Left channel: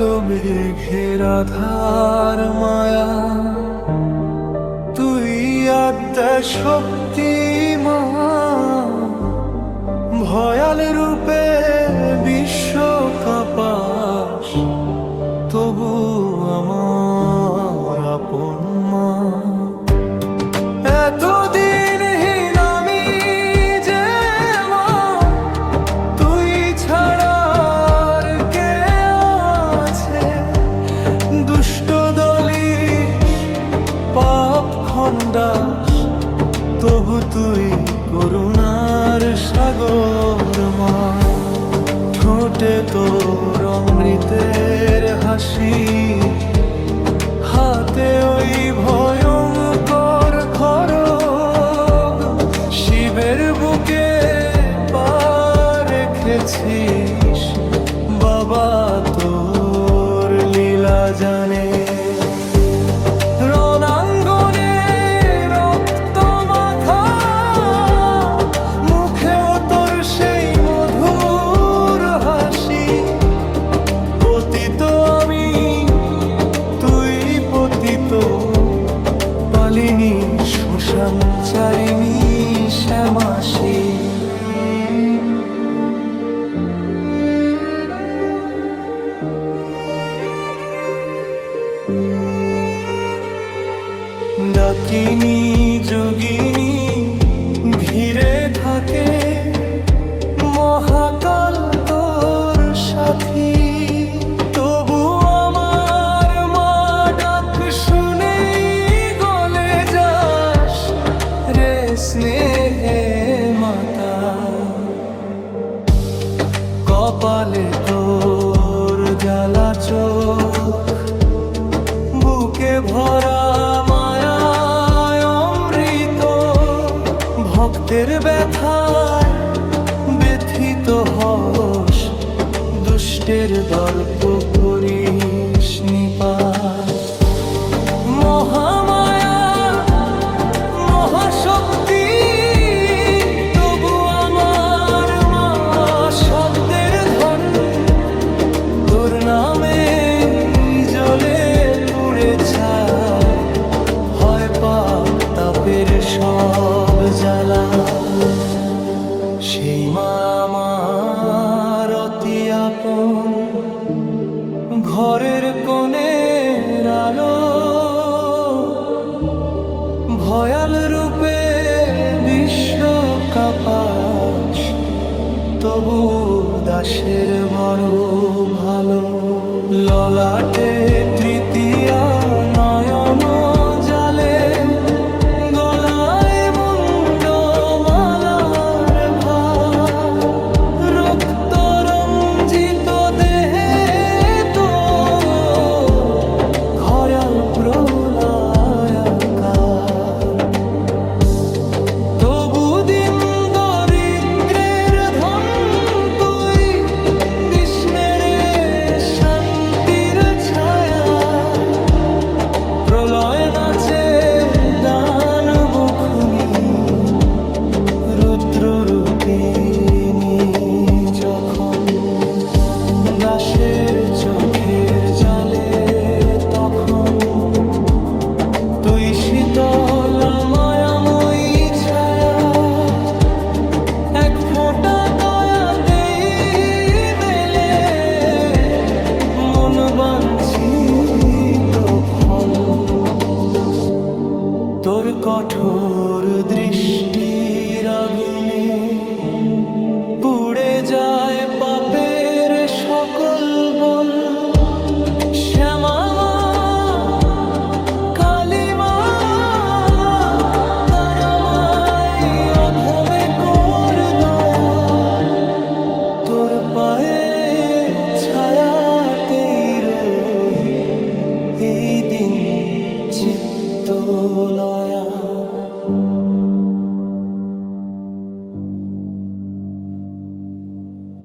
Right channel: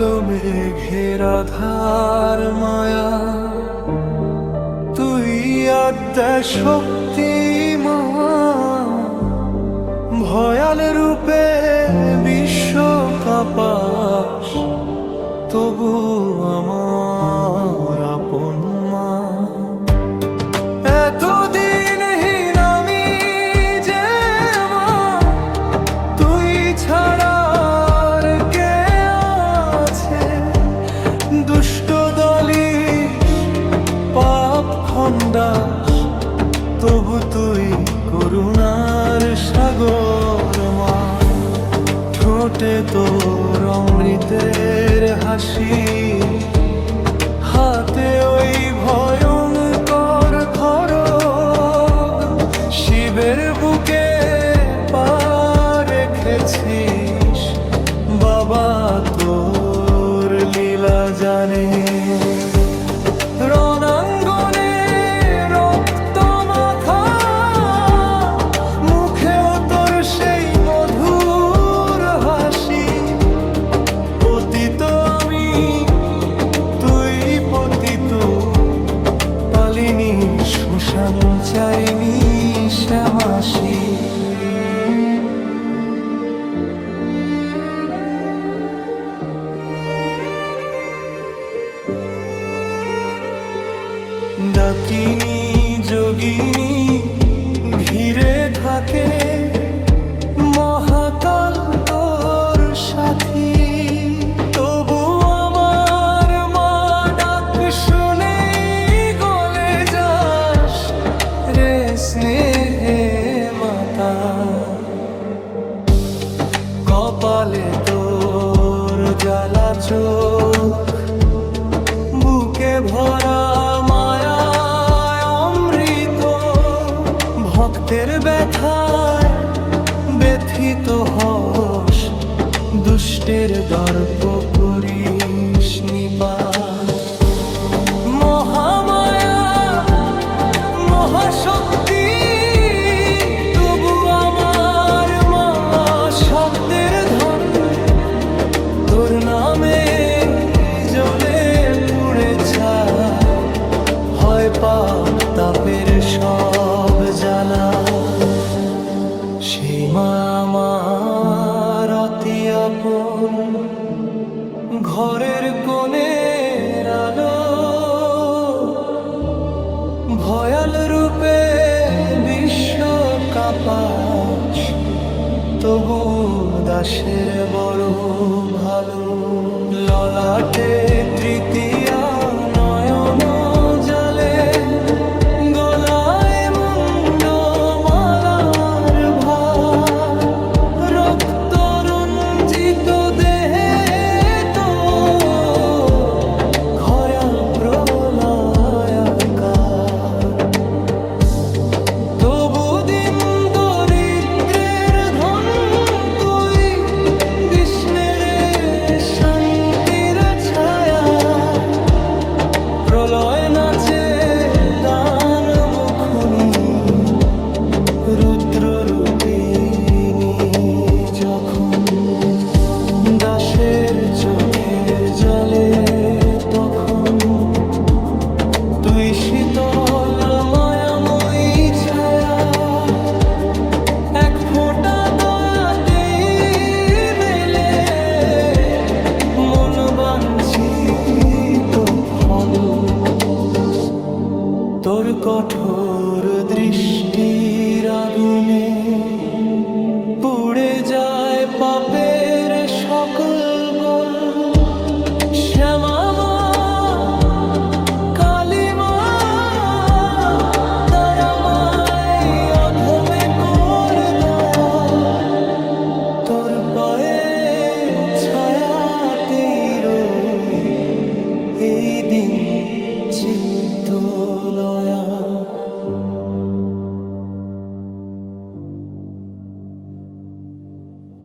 কালো মেঘের আধার মায়া, তুই আদ্যা শক্তিমান, ভয়াল রূপে বিশ্ব কাঁপাস, তবু আমার আপন মা। এতদিনহীন আমি যে মা, তুই ছাড়া আর কে আছে? দুষ্ট দলিস, পাপ খন্ডাস, তবু তুই করুণার সাগর মা। ঠোঁটে তোর অমৃতের হাসি, হাতে ওই ভয়ঙ্কর খড়গ, শিবের বুকে পা রেখেছিস, বাবা তোর লীলা জানে। রণাঙ্গনে রক্ত মাখা, মুখেও তোর সেই মধুর হাসি। পতিত আমি, তুই পতিত, পালিনী শ্মশানচারিণী শ্যামাসী। ডাকিনী যোগিনী ঘিরে থাকে, মহাকাল তোর সাথী। তবু আমার মা ডাক শুনেই গলে যাস রে স্নেহে মাতা। কপালে তোর জ্বালা চোখ, বুকে ভরা মায়ায় অমৃত। ভক্তের ব্যথায় ব্যথিত হস, দুষ্টের দর্প করিস নিপাত। মহামায়া মহাশক্তি, তবু আমার মা শব্দের ধন। তোর নামে জ্বলে পুড়ে ছাই, হয় পাপ তাপের সব জ্বালা। সেই মা আমার অতি আপন, ঘরের কোণের আলো। ভয়াল রূপে বিশ্ব কাঁপাস, তবু দাসের বড় ভালো। ললাটে তৃতীয়া নয়ন জালে, গলায় মুন্ড মালার ভার। রক্ত রঞ্জিত দেহে তো ঘয়াল প্রলয়াকার। তবু দিন দরিদ্রের ধন তুই, বিষ্ণের শান্তির ছায়া। প্রলয় নাচে দানব খুনি, রুদ্র রূপিণী যখন। দাসের চোখের জলে তখন, তুই শীতল মায়াময়ী ছায়া। এক ফোঁটা দয়াতেই মেলে মন বাঞ্ছিত ফল। তোর কঠোর দৃষ্টির আগুনে পুড়ে যায় পাপের সকল বল। শ্যামা মা, কালী মা, তারা মায় অধমে কর দয়া। তোর পায়ে ছায়াতেই রই এই দিন চিত্ত।